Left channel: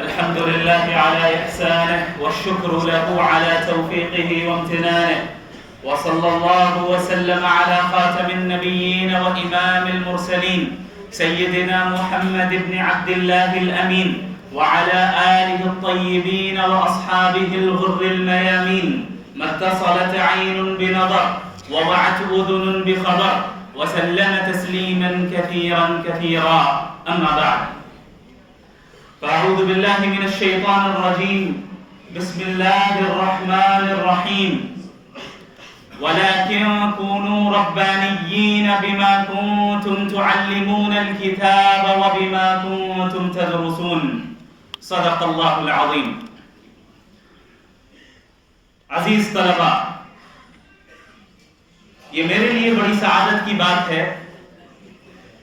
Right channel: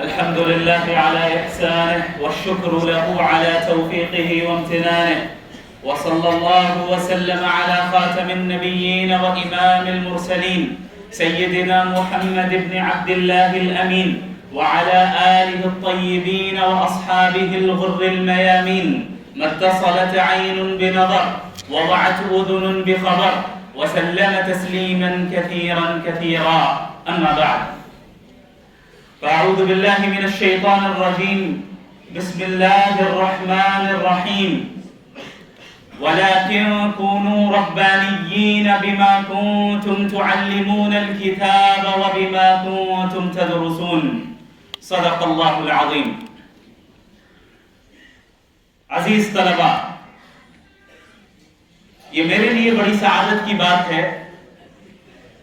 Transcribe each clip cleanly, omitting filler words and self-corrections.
الحمد لله على إحسانه والشكر له على توفيقه وامتنانه، وصلى الله وسلم على خاتم النبيين وإمام المرسلين سيدنا محمد بن عبد الله الأمين وعلى آله الطيبين وأصحابه الغر الميامين. ما اتصلت عين بنظر ووعت أذن بخبر وسلم تسليما كثيرا كثيرا. أما بعد، فأعوذ بالله من الشيطان الرجيم. بسم الله الرحمن الرحيم. ولكن كونوا ربانيين بما كنتم تعلمون الكتاب وبما كنتم تدرسون. صدق اللہ العظیم. عزیز طلباء، یہ میرے لیے بڑی سعادت کی بات ہے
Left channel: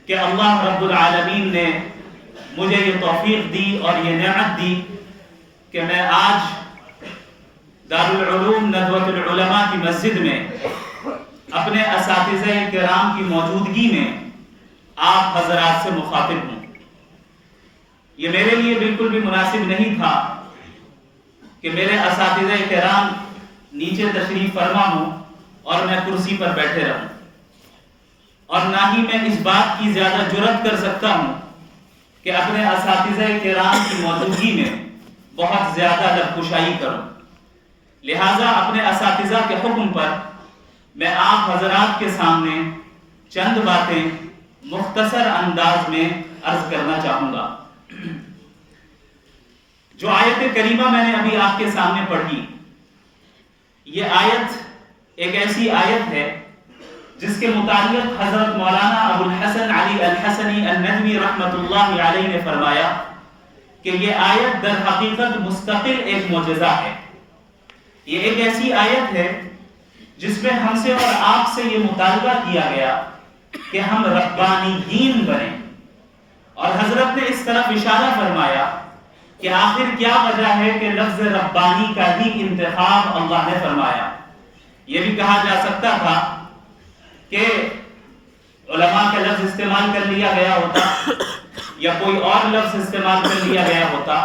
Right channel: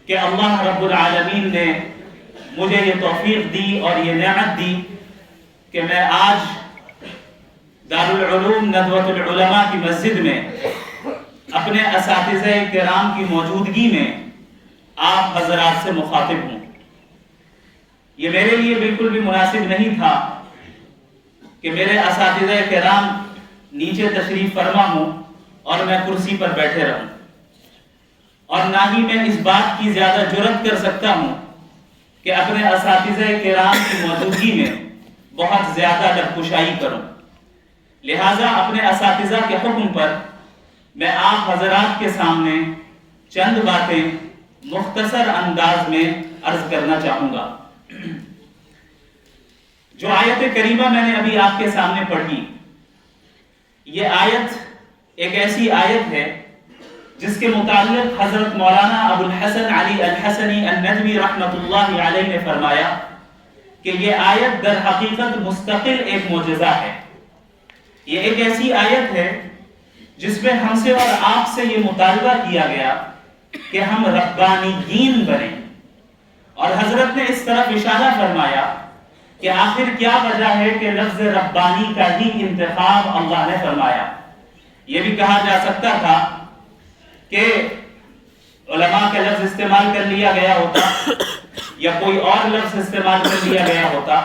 کہ اللہ رب العالمین نے مجھے یہ توفیق دی اور یہ نعمت دی کہ میں آج دارالعلوم ندوۃ العلماء کی مسجد میں اپنے اساتذہ کرام کی موجودگی میں آپ حضرات سے مخاطب ہوں. یہ میرے لیے بالکل بھی مناسب نہیں تھا کہ میرے اساتذہ کرام نیچے تشریف فرما ہوں اور میں کرسی پر بیٹھے رہوں، اور نہ ہی میں اس بات کی زیادہ جرأت کر سکتا ہوں کہ اپنے اساتذہ کرام کی موجودگی میں بہت زیادہ لب کشائی کروں. لہٰذا اپنے اساتذہ کے حکم پر میں آپ حضرات کے سامنے چند باتیں مختصر انداز میں عرض کرنا چاہوں گا. جو آیت کریمہ میں نے ابھی آپ کے سامنے پڑھی، یہ آیت ایک ایسی آیت ہے جس کے متعلق حضرت مولانا ابو الحسن علی الحسنی الندوی رحمۃ اللہ علیہ نے فرمایا کہ یہ آیت در حقیقت مستقل ایک معجزہ ہے. یہ ایک ایسی آیت ہے جس میں ہم سے اور آپ سے یہ مطالبہ کیا گیا کہ ہم ربانیین بنیں، اور حضرت نے اس طرف اشارہ فرمایا کہ آخر کیا وجہ ہے کہ لفظ ربانی کا ہی انتخاب اللہ نے فرمایا. یہ بھی کہا جا سکتا تھا کہ علماء کا لفظ استعمال کر لیا گیا ہوتا یا کوئی اور لفظ استعمال کر لیا گیا ہوتا،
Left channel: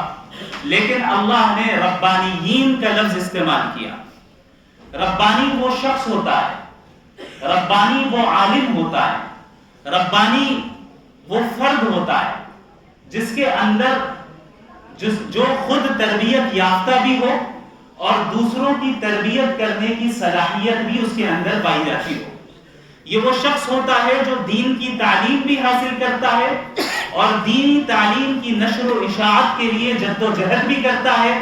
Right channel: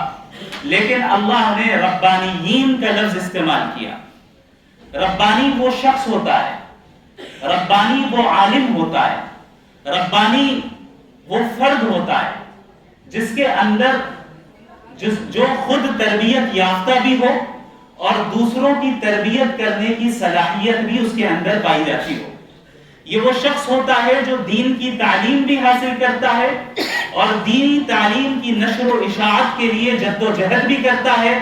لیکن اللہ نے ربانیین کا لفظ استعمال کیا. ربانی وہ شخص ہوتا ہے، ربانی وہ عالم ہوتا ہے، ربانی وہ فرد ہوتا ہے جس کے اندر جو خود تربیت یافتہ بھی ہو اور دوسروں کی تربیت کرنے کی صلاحیت بھی اس کے اندر پائی جاتی ہو. یہ وہ شخص ہوتا ہے جو دین کی تعلیم بھی حاصل کرتا ہے اور دینی تعلیم کی نشر و اشاعت کے لیے جد و جہد بھی کرتا ہے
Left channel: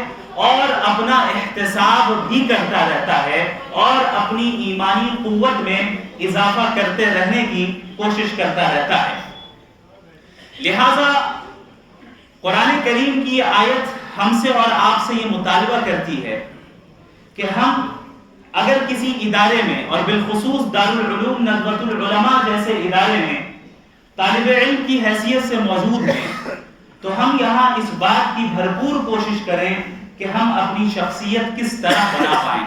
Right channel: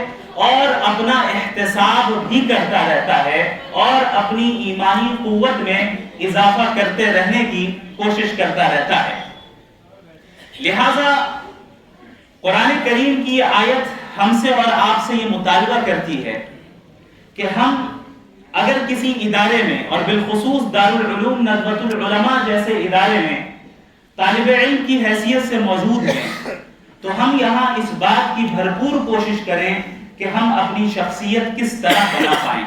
اور اپنا احتساب بھی کرتا رہتا ہے اور اپنی ایمانی قوت میں اضافہ کرتے رہنے کی کوشش کرتا رہتا ہے. لہذا قرآن کریم کی یہ آیت ہم سے اور آپ سے یہ مطالبہ کرتی ہے کہ ہم اگر کسی ادارے میں اور بالخصوص دارالعلوم ندوۃ العلماء جیسے ادارے میں طالب علم کی حیثیت سے موجود ہیں تو ہم یہاں اس بات کی بھرپور کوشش کریں کہ ہم اپنی شخصیت کس طرح بنا پائیں.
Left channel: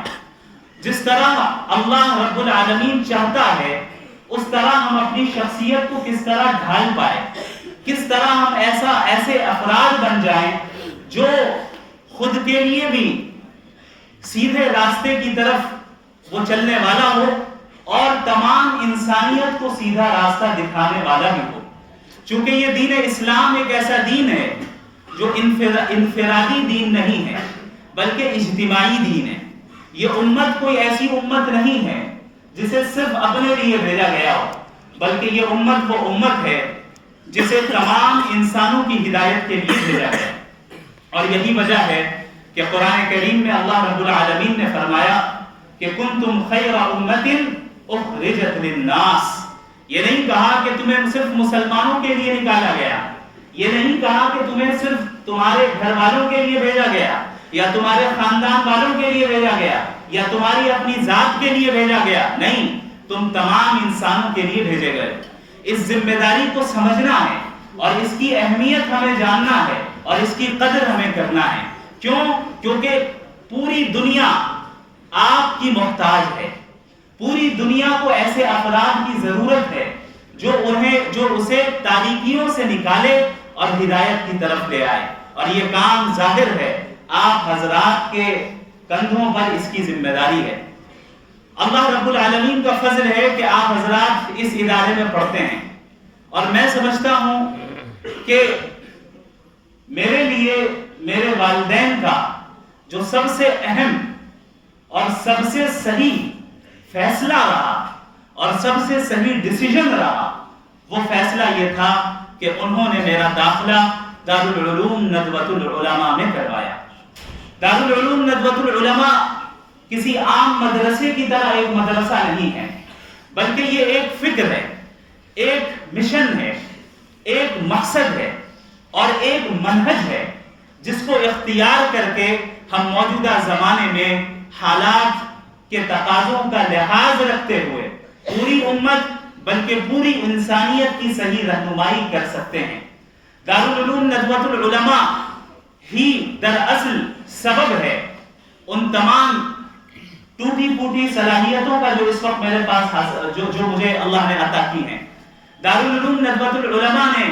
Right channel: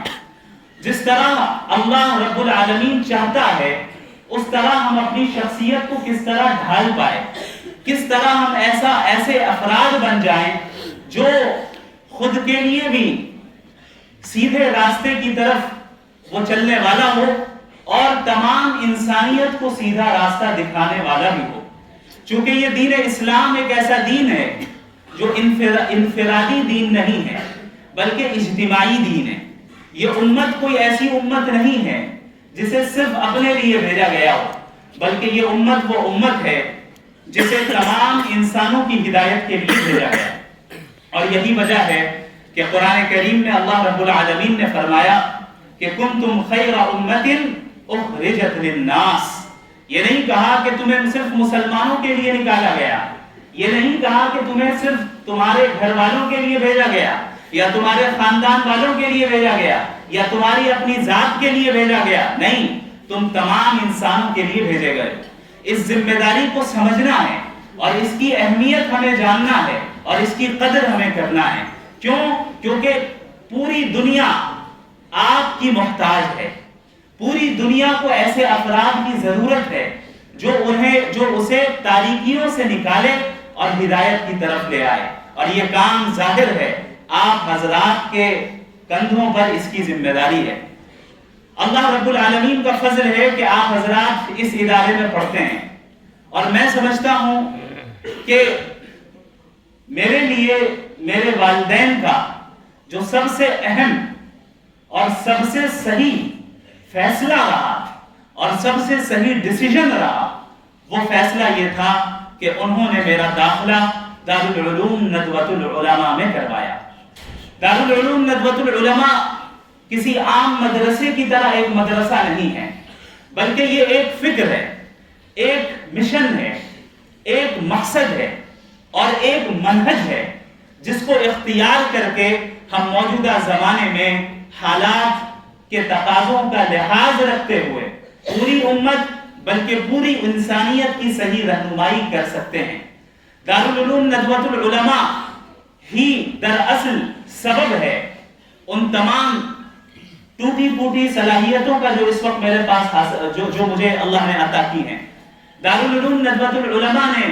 جس طرح اللہ رب العالمین چاہتا ہے اس طرح ہم اپنی شخصیت کو کس طرح ڈھال پائیں، کس طرح ہم ایسے افراد بن جائیں جو خود کے لیے بھی سیدھے راستے کی طرف وہ چلنے والا ہو اور تمام انسانیت کو سیدھا راستہ دکھانے والا بھی ہو. چونکہ یہ دین اسلام ایک ایسا دین ہے جو انفرادی دین نہیں ہے بلکہ اجتماعی دین ہے. یہ امت کوئی ایسی امت نہیں ہے جسے صرف اپنے لیے بھیجا گیا ہو، بلکہ یہ امت وہ امت ہے جسے تمام انسانوں کی ہدایت کے لیے بھیجا گیا. اور یہی وجہ ہے کہ قرآن کریم میں اللہ رب العالمین نے فرمایا کہ کنتم خیر امت اخرجت للناس. یہ نہیں کہا کہ تمہیں صرف مسلمانوں کے لیے نکالا گیا، یہ نہیں کہا کہ تمہیں صرف تمہارے گھر والوں کے لیے بھیجا گیا یا تمہارے خاندان والوں کے لیے بھیجا گیا یا تمہاری اپنی ذات کے لیے بھیجا گیا. نہیں، تم تمام انسانوں کے لیے بھیجے گئے. اس ذمہ داری کو سمجھنا ہے اور اس کی اہمیت ہمیں جاننا ہے اور اس کی قدر ہمیں کرنا ہے. کیوں؟ کیونکہ پوری دنیا آپ کی محتاج ہے. پوری دنیا کو ایسے افراد کی ضرورت ہے جو اسے تاریکیوں سے نکالے اور ہدایت کی طرف لے آئے، اور یہ کام ظاہر ہے آپ حضرات کے کندھوں پر اس کی ذمہ داری ہے۔ اللہ رب العالمین کا فضل ہے کہ آپ حضرات اس ادارے میں پڑھتے ہیں، اور میں سمجھتا ہوں کہ میرے لیے میرے والدین کا جو سب سے اہم اور سب سے صحیح فیصلہ رہا اور سب سے صحیح ڈیسیژن رہا، وہ فیصلہ یہ تھا کہ انہوں نے میرا داخلہ دارالعلوم ندوۃ العلماء میں کروایا۔ دارالعلوم ندوۃ العلماء کسی عام مدرسے کی طرح ایک مدرسہ نہیں ہے، بلکہ یہ ایک فکر ہے، ایک مشن ہے، ایک مقصد ہے اور ایک منہج ہے جس کو اختیار کر کے ہم موجودہ زمانے میں حالات کے تقاضوں کا لحاظ رکھتے ہوئے پوری امت بلکہ پوری انسانیت کی صحیح رہنمائی کر سکتے ہیں۔ دارالعلوم ندوۃ العلماء ہی دراصل سبب ہے ان تمام ٹوٹی پھوٹی صلاحیتوں کا جو اس وقت میرے پاس جو مجھے اللہ نے عطا کی ہیں۔ دارالعلوم ندوۃ العلماء نے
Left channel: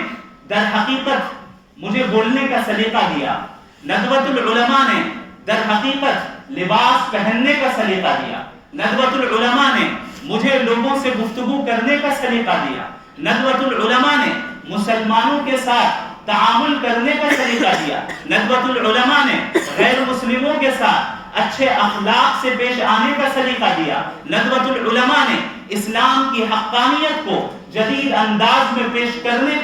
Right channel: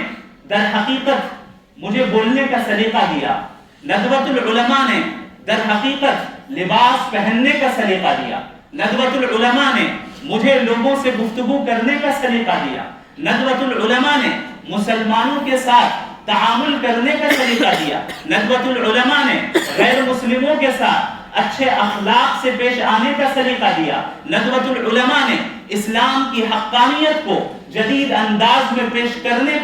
در حقیقت مجھے بولنے کا سلیقہ دیا، ندوۃ العلماء نے در حقیقت لباس پہننے کا سلیقہ دیا، ندوۃ العلماء نے مجھے لوگوں سے گفتگو کرنے کا سلیقہ دیا، ندوۃ العلماء نے مسلمانوں کے ساتھ تعامل کرنے کا سلیقہ دیا، ندوۃ العلماء نے غیر مسلموں کے ساتھ اچھے اخلاق سے پیش آنے کا سلیقہ دیا، ندوۃ العلماء نے اسلام کی حقانیت کو جدید انداز میں پیش کرنے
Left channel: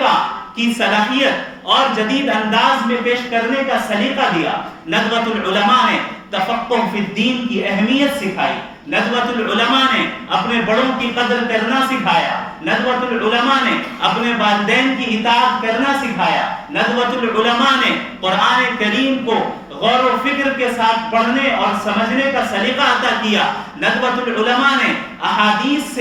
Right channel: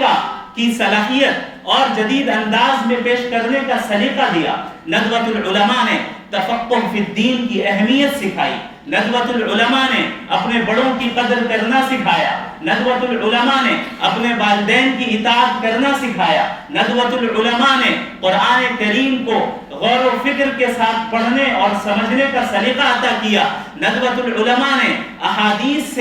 کی صلاحیت اور جدید انداز میں پیش کرنے کا سلیقہ دیا، ندوۃ العلماء نے تفقہ فی الدین کی اہمیت سکھائی، ندوۃ العلماء نے اپنے بڑوں کی قدر کرنا سکھایا، ندوۃ العلماء نے اپنے والدین کی اطاعت کرنا سکھایا، ندوۃ العلماء نے قرآن کریم کو غور و فکر کے ساتھ پڑھنے اور سمجھنے کا سلیقہ عطا کیا، ندوۃ العلماء نے احادیث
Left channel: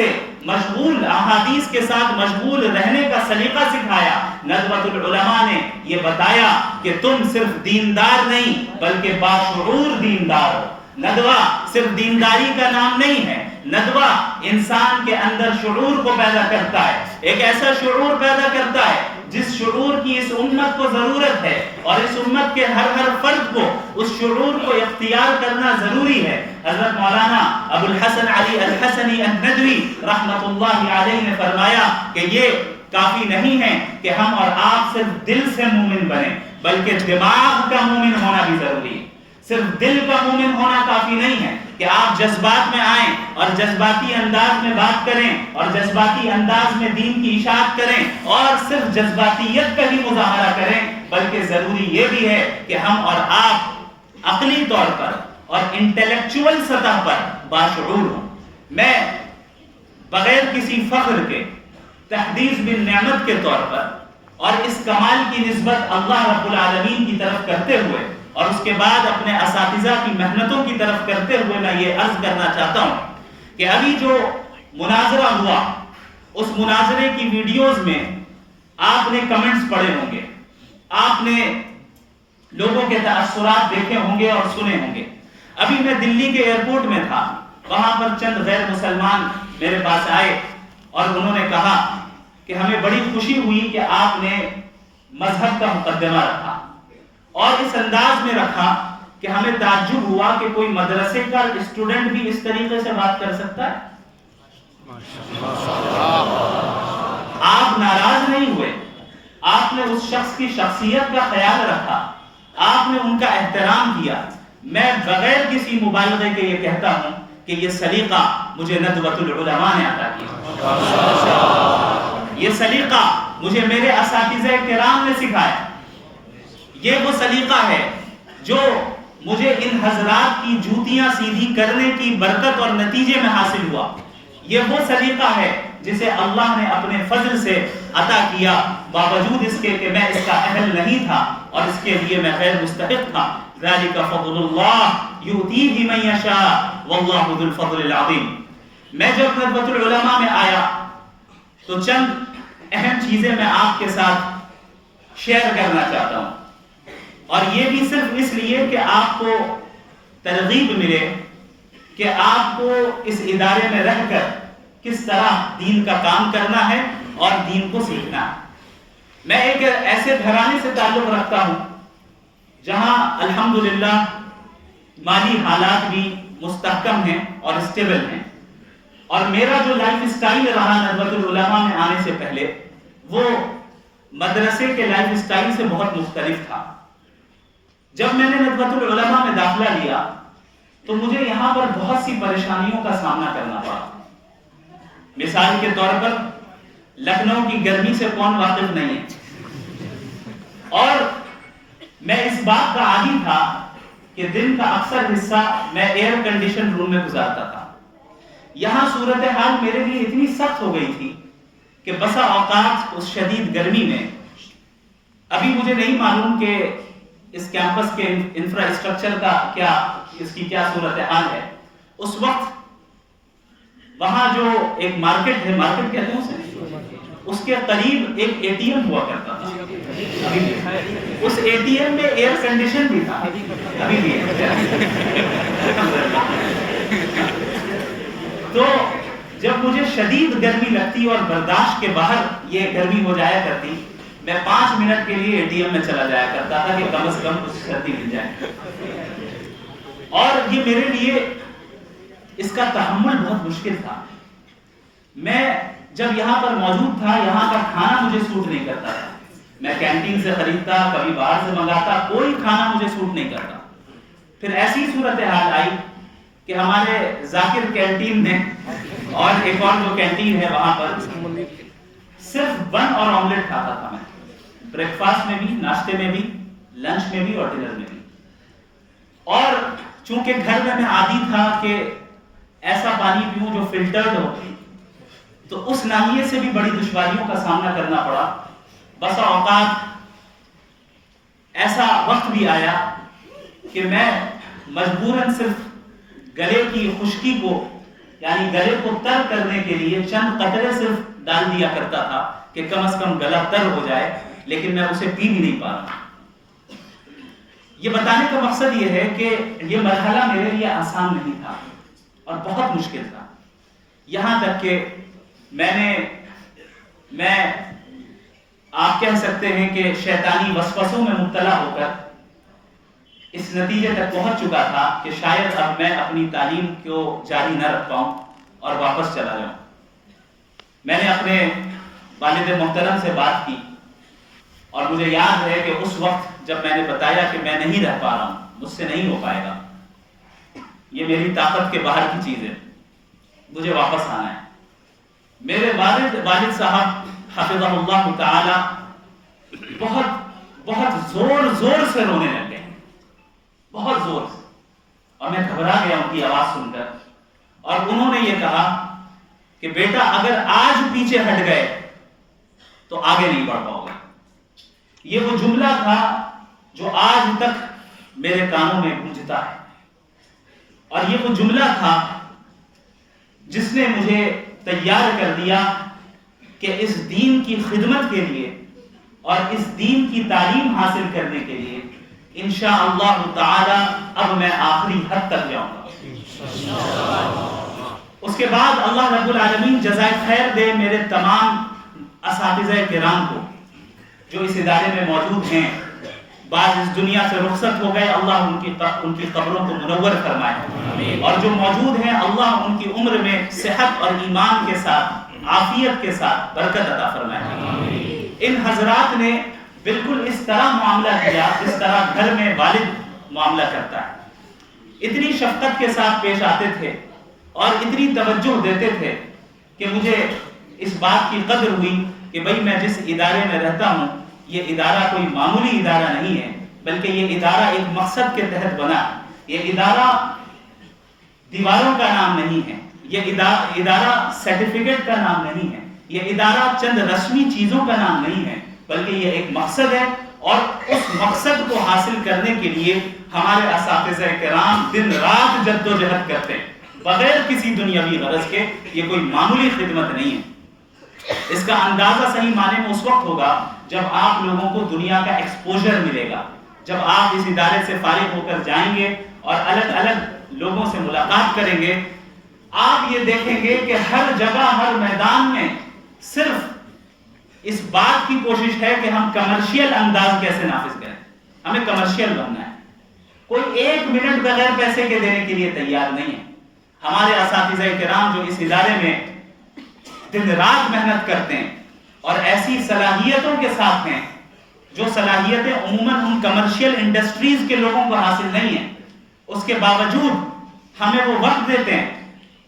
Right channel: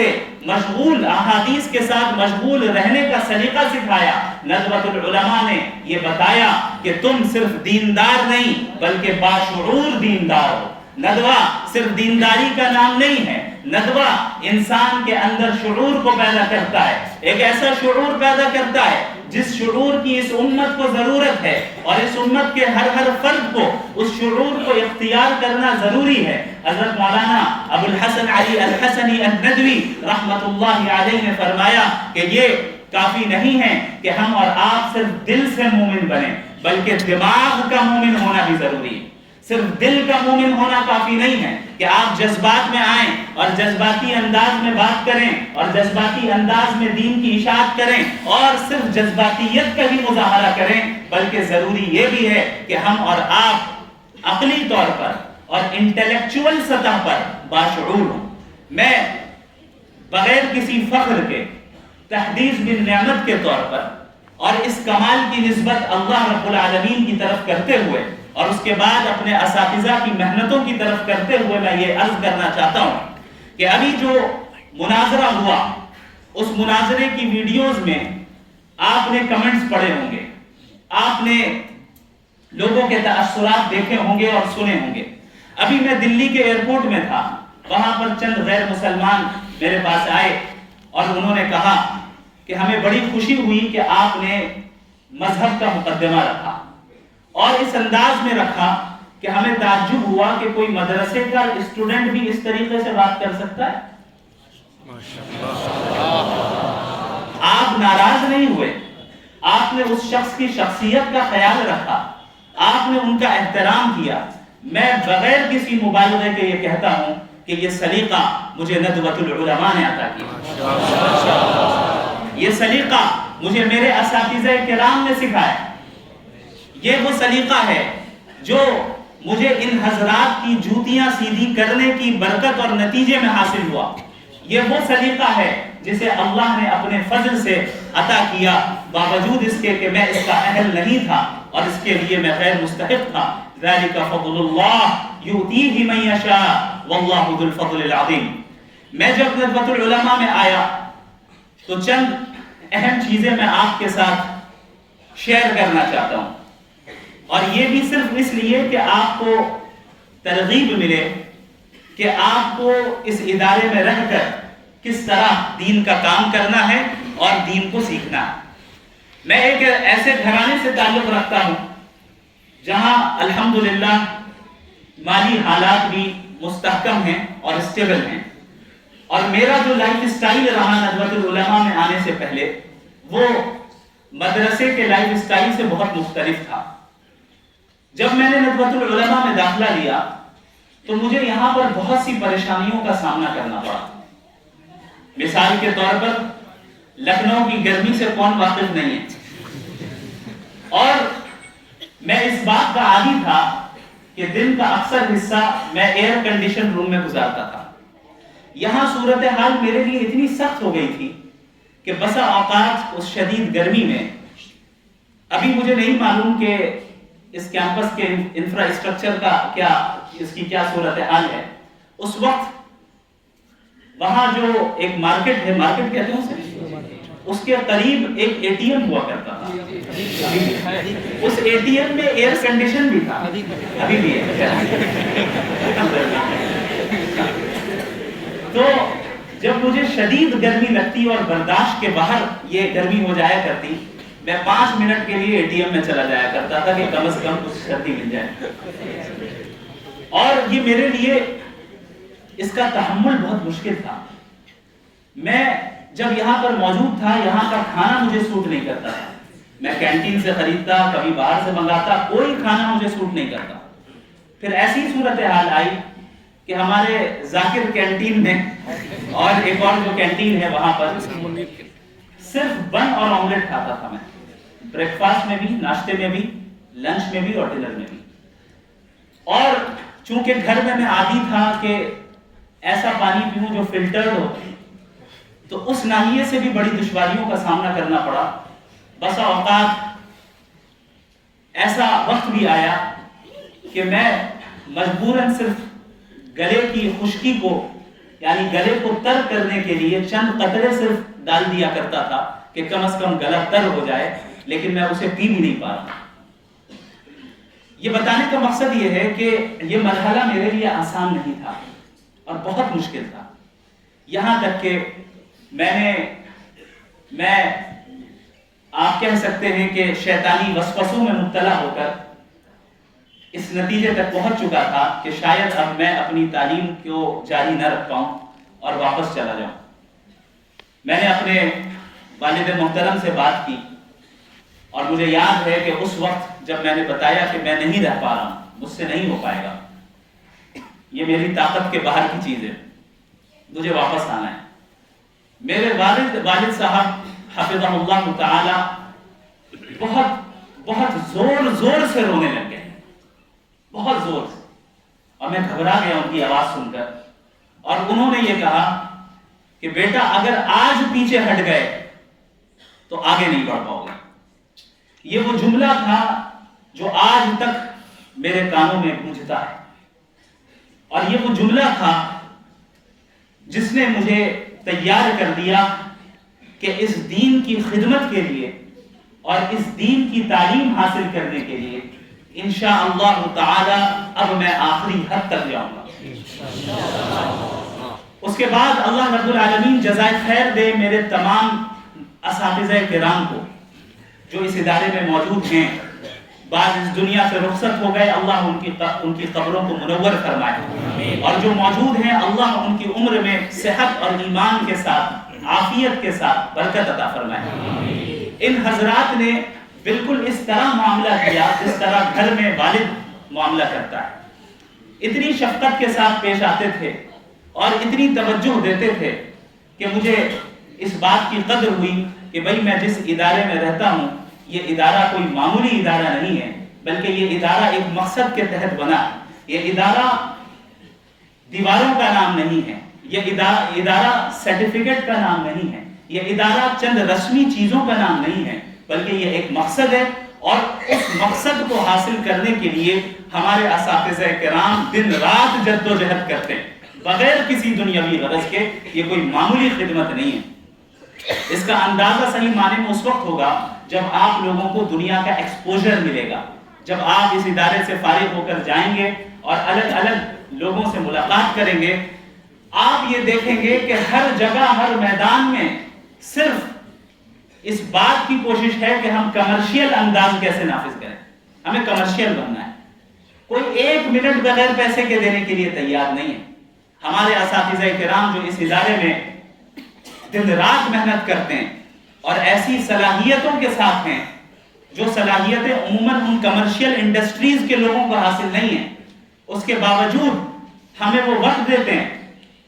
کے ساتھ مشغول رہنے کا سلیقہ سکھایا، ندوۃ العلماء نے یہ بتایا کہ تم صرف دیندار نہیں بلکہ باشعور دیندار ہو۔ ندوہ صرف دینداری کا نام نہیں ہے، ندوہ انسان کے اندر شعور کو پیدا کرتا ہے، ایک ایسا شعور پیدا کرتا ہے جس شعور کی اس امت کو ضرورت ہے، اور اس امت کے ہر فرد کو اس شعور کو اختیار کرنا ضروری ہے۔ حضرت مولانا ابو الحسن علی الحسنی الندوی رحمت اللہ علیہ نے فرمایا کہ یہ کافی نہیں ہے کہ ہم اور آپ صرف دل سے مومن بنیں، بلکہ دماغ کا مومن ہونا بھی ضروری ہے۔ صرف دل کا مومن ہونا کافی نہیں ہے کہ آپ جذبات میں آئیں اور جذباتی انداز میں بات کریں اور جذباتی انداز میں دین کی اشاعت کریں اور صرف جذباتیت کا ہی مظاہرہ کریں، بلکہ ضروری یہ بھی ہے کہ ہم اور آپ عقلی طور پر اور انٹلیکچول سطح پر باشعور ہوں۔ میں بغیر کسی فخر کے تحدیث بن نعمت کے طور پر اور اس کمال کی نسبت اللہ رب العالمین کی طرف کرتے ہوئے اور اس کے بعد اپنے اساتذہ کی محنتوں کی طرف کرتے ہوئے میں یہ عرض کرنا چاہتا ہوں کہ ابھی جو مناظرہ ہوا اس مناظرے کی ویڈیوز میں آپ نے کمنٹس پڑھے ہوں گے، آپ نے لوگوں کے تاثرات دیکھے ہوں گے اور سنے ہوں گے۔ ابھی میں دلی کے ایئرپورٹ میں تھا، وہاں پر چند غیر مسلمان میرے پاس آئے اور انہوں نے کہا کہ ہمیں بڑی خوشی ہوئی کہ آپ نے مذہب کا مقدمہ رکھا اور اس انداز میں رکھا کہ ہمیں تعجب ہوا کہ کوئی مدرسے کا اسٹوڈنٹ بھی اس طریقے سے بات کر سکتا ہے۔ آپ ناراض نہیں ہوئے، آپ نے اس شخص کی شخصیت کا خیال رکھا، آپ نے ان کا احترام کیا۔ میں بغیر کسی مبالغے کے یہ کہتا ہوں کہ یہ سلیقہ مجھے ندوۃ العلماء نے عطا کیا، یہ سلیقہ مجھے میرے اساتذہ کرام نے سکھایا، یہ وہ سلیقہ ہے جو مجھے ان حضرات کی جوتیاں سیدھی کرنے کی برکت اور نتیجے میں حاصل ہوا، یہ وہ سلیقہ ہے جسے اللہ نے اپنے فضل سے عطا کیا، باوجود اس کے کہ میں اس کا اہل نہیں تھا اور اس کے لیے میں غیر مستحق تھا۔ ذالک فضل اللہ یؤتیہ من یشاء واللہ ذو الفضل العظیم۔ میں جب ندوۃ العلماء میں آیا تو چند اہم چیزیں میں آپ کے ساتھ شیئر کرنا چاہتا ہوں، اور یہ بھی صرف اس لیے کہ آپ کو ترغیب ملے کہ آپ کو اس ادارے میں رہ کر کس طرح دین کا کام کرنا ہے اور دین کو سیکھنا ہے۔ میں ایک ایسے گھرانے سے تعلق رکھتا ہوں جہاں الحمدللہ مالی حالات بھی مستحکم ہیں اور اسٹیبل ہیں، اور میرا جو لائف اسٹائل رہا ندوۃ العلماء میں آنے سے پہلے وہ مدرسے کے لائف اسٹائل سے بہت مختلف تھا۔ جب میں نے ندوۃ العلماء میں داخلہ لیا تو مجھے یہاں پر بہت سی پریشانیوں کا سامنا کرنا پڑا۔ مثال کے طور پر لکھنؤ کی گرمی سے کون واقف نہیں ہے، اور میں اس بات کا عادی تھا کہ دن کا اکثر حصہ میں ایئر کنڈیشن روم میں گزارتا تھا۔ یہاں صورتحال میرے لیے اتنی سخت ہو گئی تھی کہ بسا اوقات اس شدید گرمی میں، ابھی مجھے نہیں معلوم کہ اس کیمپس کے انفراسٹرکچر کا کیا، اس کی کیا صورتحال ہے، اس وقت وہاں جو ایک مارکیٹ ہے، مارکیٹ کہتے ہیں اسے، اس کے قریب ایک اے ٹی ایم ہوا کرتا تھا، ابھی بھی اس اے ٹی ایم میں ایئر کنڈیشن بھی تھا، ابھی بھی ہے۔ تو جب مجھے شدید گرمی لگتی اور برداشت کے باہر یہ گرمی ہو جایا کرتی، میں 5 منٹ کے لیے اے ٹی ایم میں چلا جایا کرتا تھا کہ کم از کم کچھ سردی مل جائے، اور یہ میرے لیے اس کا تحمل بہت مشکل تھا۔ میں جب یہاں پر موجود تھا، یہاں کا کھانا مجھے سوٹ نہیں کرتا تھا، میں کینٹین سے خریدتا، کبھی باہر سے منگاتا، کوئی کھانا مجھے سوٹ نہیں کرتا۔ پھر ایسی صورتحال آئی کہ ہمارے ذاکر کینٹین میں اور ایک اور جو کینٹین ہے وہاں پر صرف بن اور آملیٹ کھاتا تھا میں، بریک فاسٹ میں بھی، ناشتے میں بھی، لنچ میں بھی اور ڈنر میں بھی۔ اور چونکہ گھر میں عادی تھا کہ ایسا پانی پیوں جو فلٹرڈ ہو، تو اس ناحیے سے بھی بڑی دشواریوں کا سامنا کرنا پڑا۔ بسا اوقات ایسا وقت بھی آیا کہ میں مجبوراً صرف گلے کی خشکی کو، یعنی گلے کو تر کرنے کے لیے چند قطرے صرف ڈال دیا کرتا تھا کہ کم از کم گلا تر ہو جائے، لیکن میں اسے پی بھی نہیں پا رہا۔ یہ بتانے کا مقصد یہ ہے کہ یہ مرحلہ میرے لیے آسان نہیں تھا اور بہت مشکل تھا، یہاں تک کہ میں آپ کہہ سکتے ہیں کہ شیطانی وسوسوں میں مبتلا ہو کر اس نتیجے تک پہنچ چکا تھا کہ شاید اب میں اپنی تعلیم کو جاری نہ رکھ پاؤں اور واپس چلا جاؤں۔ میں نے اپنے والد محترم سے بات کی، اور مجھے یاد ہے کہ اس وقت جب میں نے بتایا کہ میں نہیں رہ پا رہا ہوں، مجھ سے نہیں ہو پائے گا، یہ میری طاقت کے باہر کی چیز ہے، مجھے واپس آنا ہے، میرے والد صاحب حفظہ اللہ تعالی بہت زور سے رونے لگ گئے، بہت زور سے، اور میں گھبرا گیا ان کی آواز سن کر، اور انہوں نے یہ کہا کہ بیٹا اگر آج پیچھے ہٹ گئے تو آگے نہیں بڑھ پاؤ گے۔ یہ وہ جملہ تھا جو آج تک میرے کانوں میں گونجتا ہے، اور یہ وہ جملہ تھا جس نے مجھے تیار کر دیا کہ اس دین کی خدمت کے لیے اور اس دین کی تعلیم حاصل کرنے کے لیے انشاءاللہ تعالی اب میں آخری حد تک جاؤں گا۔ اس کے بعد اللہ رب العالمین جزائے خیر دے میرے تمام اساتذہ کرام کو جو اس ادارے میں موجود ہیں، بعض اس دنیا سے رخصت ہو گئے، اللہ ان کی قبروں کو منور فرمائے، اور جو موجود ہیں اللہ ان کی عمر میں صحت اور ایمان کے ساتھ، عافیت کے ساتھ برکت عطا فرمائے۔ ان حضرات نے بالکل اس طرح معاملہ کیا جس طرح گھر میں والد معاملہ کرتا ہے، اتنی شفقت کے ساتھ پیش آتے تھے اور اتنی توجہ دیتے تھے کہ مجھے اس بات کی قدر ہوئی کہ بھئی میں جس ادارے میں رہتا ہوں یہ ادارہ کوئی معمولی ادارہ نہیں ہے، بلکہ یہ ادارہ ایک مقصد کے تحت بنا ہے۔ یہ ادارہ دیواروں کا نام نہیں ہے، یہ ادارہ سرٹیفکیٹ کا نام نہیں ہے، یہ ادارہ چند رسمی چیزوں کا نام نہیں ہے، بلکہ یہ ایک مقصد ہے، اور اس مقصد کو حاصل کرنے کے لیے ہمارے اساتذہ کرام دن رات جد و جہد کرتے ہیں بغیر کسی دنیاوی غرض کے۔ یہ کوئی معمولی خدمت نہیں ہے۔ اس کا اندازہ صحیح معنی میں اس وقت ہوگا جب آپ لوگوں کو دنیا کا ایکسپوجر ملے گا، جب آپ اس ادارے سے فارغ ہو کر جائیں گے اور الگ الگ لوگوں سے ملاقات کریں گے، آپ یہ دیکھیں گے کہ ہر جگہ ہر میدان میں صرف اس بات کی کوشش ہے کہ ہم کمرشیل انداز کیسے نافذ کریں. ہمیں کمرشیل بننا ہے. کوئی 1 منٹ بغیر پیسے کے دینے کے لیے تیار نہیں ہے. ہمارے اساتذہ کرام جو اس ادارے میں دن رات محنت کرتے ہیں اور ایسی صلاحیتوں کے ساتھ ہیں جو صلاحیتیں عموماً ان کمرشیل انڈسٹریز کے لوگوں کو حاصل نہیں ہیں، اس کے باوجود ہمیں وہ وقت دیتے ہیں،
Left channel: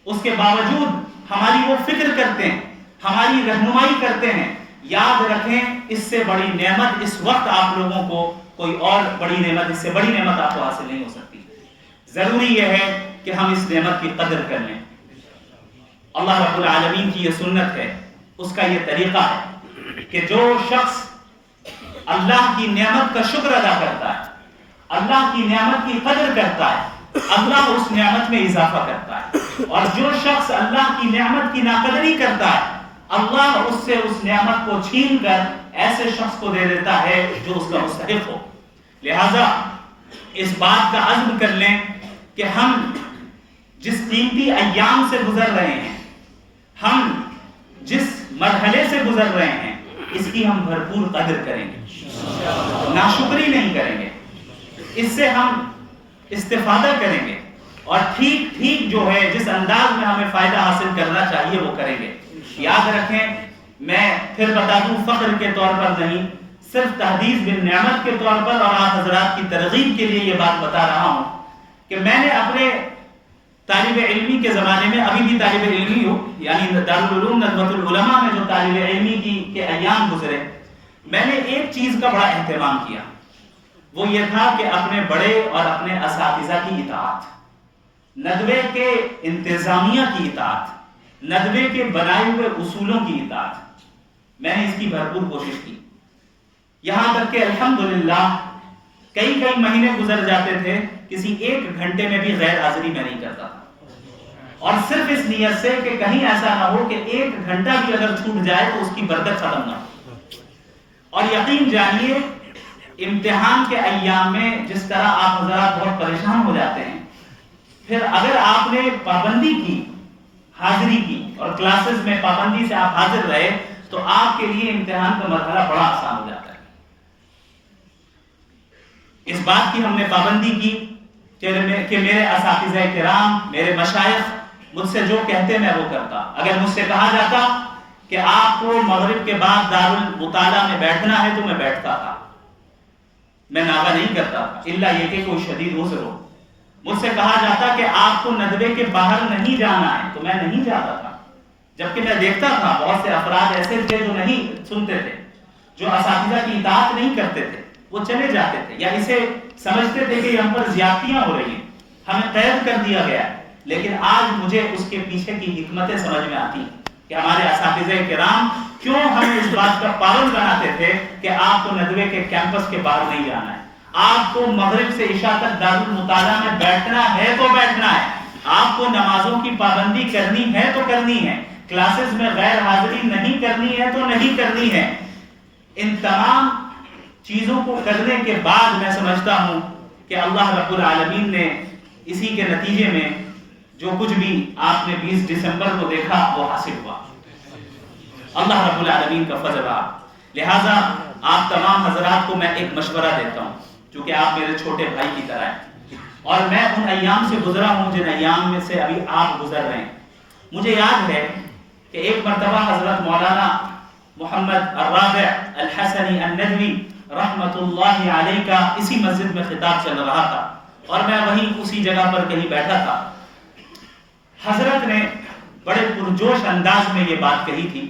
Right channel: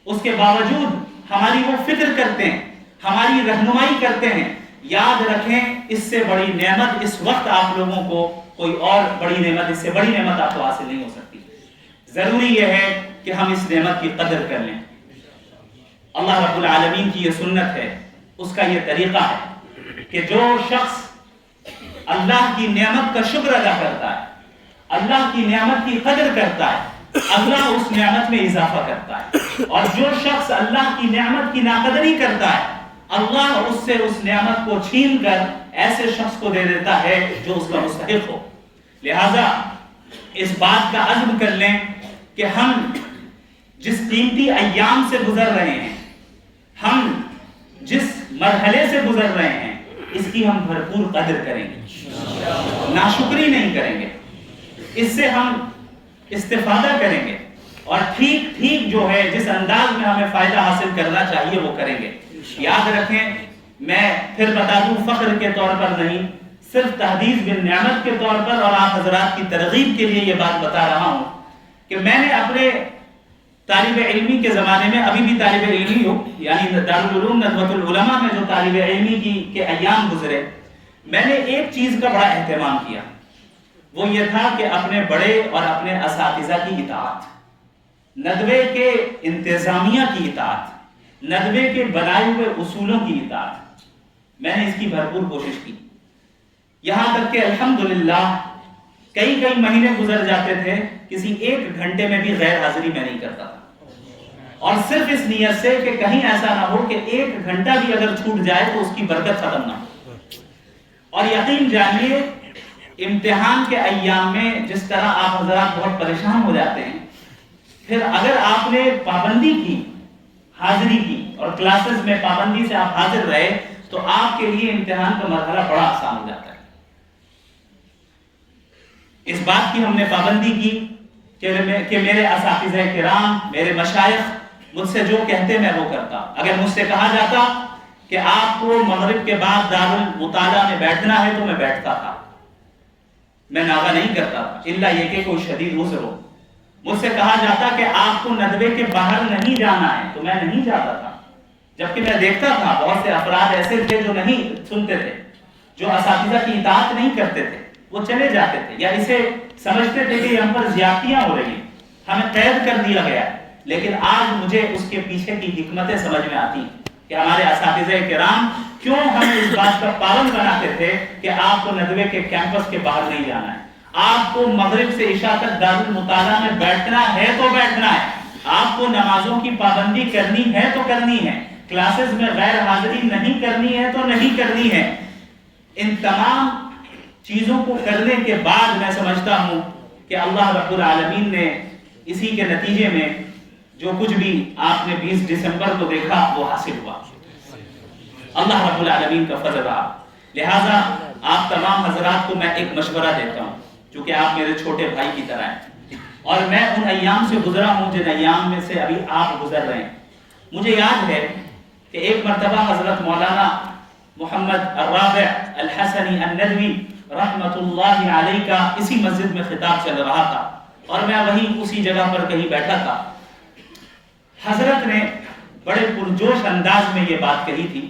اس کے باوجود ہماری وہ فکر کرتے ہیں، ہماری رہنمائی کرتے ہیں. یاد رکھیں اس سے بڑی نعمت اس وقت آپ لوگوں کو کوئی اور بڑی نعمت، اس سے بڑی نعمت آپ کو حاصل نہیں ہو سکتی. ضروری یہ ہے کہ ہم اس نعمت کی قدر کر لیں. اللہ رب العالمین کی یہ سنت ہے، اس کا یہ طریقہ ہے کہ جو شخص اللہ کی نعمت کا شکر ادا کرتا ہے، اللہ کی نعمت کی قدر کرتا ہے، اللہ اس نعمت میں اضافہ کرتا ہے. اور جو شخص اللہ کی نعمت کی ناقدری کرتا ہے، اللہ اس سے اس نعمت کو چھین کر ایسے شخص کو دے دیتا ہے جو اس کا مستحق ہو. لہذا اس بات کا عزم کر لیں کہ ہم جس قیمتی ایام سے گزر رہے ہیں، ہم جس مرحلے سے گزر رہے ہیں، اس کی ہم بھرپور قدر کریں گے، ناشکری نہیں کریں گے. اس سے ہم استفادہ کریں گے اور ٹھیک ٹھیک جو ہے جس انداز میں ہمیں فائدہ حاصل کرنا چاہیے وہ کریں گے. یاد رکھیں، میں پھر بتا دوں، فخر کے طور پر نہیں، صرف تحدیث بالنعمت کے طور پر اور آپ حضرات کی ترغیب کے لیے یہ بات بتا رہا ہوں کہ میں نے اپنے طالب علمی کے زمانے میں، ابھی بھی طالب علمی ہوں، یعنی دارالعلوم ندوۃ العلماء میں جو طالب علمی کے ایام گزرے، میں نے ایک چیز کا بڑا اہتمام کیا. وہ یہ تھا کہ اپنے بڑے اور اپنے اساتذہ کی اطاعت، ندوے کے انتظامیہ کی اطاعت، ندوے کے بنائے ہوئے اصولوں کی اطاعت. میں نے اس کی بھرپور کوشش کی، یہاں تک کہ الحمدللہ کئی مہینے گزر جاتے تھے، کسی 1 گھنٹے میں بھی غیر حاضری میں نہیں کرتا تھا. اور صرف اس نیت سے کہ کہیں ایسا نہ ہو کہ 1 گھنٹہ بھی اگر چھوٹ جائے تو اس کی برکت ختم نہ ہو. اور یقین جانیے امتحان کے ایام میں جس طرح آپ حضرات بہت پریشان ہو جاتے ہیں، پھر اگر آپ نے پابندی کی، حاضری کی اور کلاسز میں پابندی سے آپ حاضر رہے تو آپ کے لیے امتحان کا مرحلہ بڑا آسان ہو جاتا ہے. اس بات کی ہم نے پابندی کی کہ میرے اساتذہ کرام، میرے مشائخ مجھ سے جو کہتے میں وہ کرتا. اگر مجھ سے کہا جاتا کہ آپ کو مغرب کے بعد دارالمطالعہ میں بیٹھنا ہے تو میں بیٹھتا تھا، میں ناغہ نہیں کرتا تھا، الا یہ کہ کوئی شدید عذر ہو. مجھ سے کہا جاتا کہ آپ کو ندوے کے باہر نہیں جانا ہے تو میں نہیں جاتا تھا، جبکہ میں دیکھتا تھا بہت سے افراد ایسے تھے جو نہیں سنتے تھے، جو اساتذہ کی اطاعت نہیں کرتے تھے، وہ چلے جاتے تھے یا اسے سمجھتے تھے کہ ہم پر زیادتیاں ہو رہی ہیں، ہمیں قید کر دیا گیا ہے. لیکن آج مجھے اس کے پیچھے کی حکمتیں سمجھ میں آتی کہ ہمارے اساتذہ کرام کیوں ہمیں اس بات کا پابند بناتے تھے کہ آپ کو ندوے کے کیمپس کے باہر نہیں جانا ہے، آپ کو مغرب سے عشاء تک دارالمطالعہ میں بیٹھنا ہے تو بیٹھنا ہے، آپ کو نمازوں کی پابندی کرنی ہے تو کرنی ہے، کلاسز میں غیر حاضری نہیں کرنی ہے تو نہیں کرنی ہے. ان تمام چیزوں کو کرنے کے بعد میں سمجھتا ہوں کہ اللہ رب العالمین نے اسی کے نتیجے میں جو کچھ بھی آپ نے 20 دسمبر کو دیکھا وہ حاصل ہوا. اللہ رب العالمین کا فضل رہا. لہٰذا آپ تمام حضرات کو میں ایک مشورہ دیتا ہوں، چونکہ آپ میرے چھوٹے بھائی کی طرح ہیں اور میں ان ایام سے گزرا ہوں جن ایام میں سے ابھی آپ گزر رہے ہیں. مجھے یاد ہے کہ ایک مرتبہ حضرت مولانا محمد الرابع الحسنی الندوی رحمت اللہ علیہ کا اسی مسجد میں خطاب چل رہا تھا اور میں وہیں اسی جگہ پر کہیں بیٹھا تھا. حضرت نے بڑے پرجوش انداز میں یہ بات کہی تھی.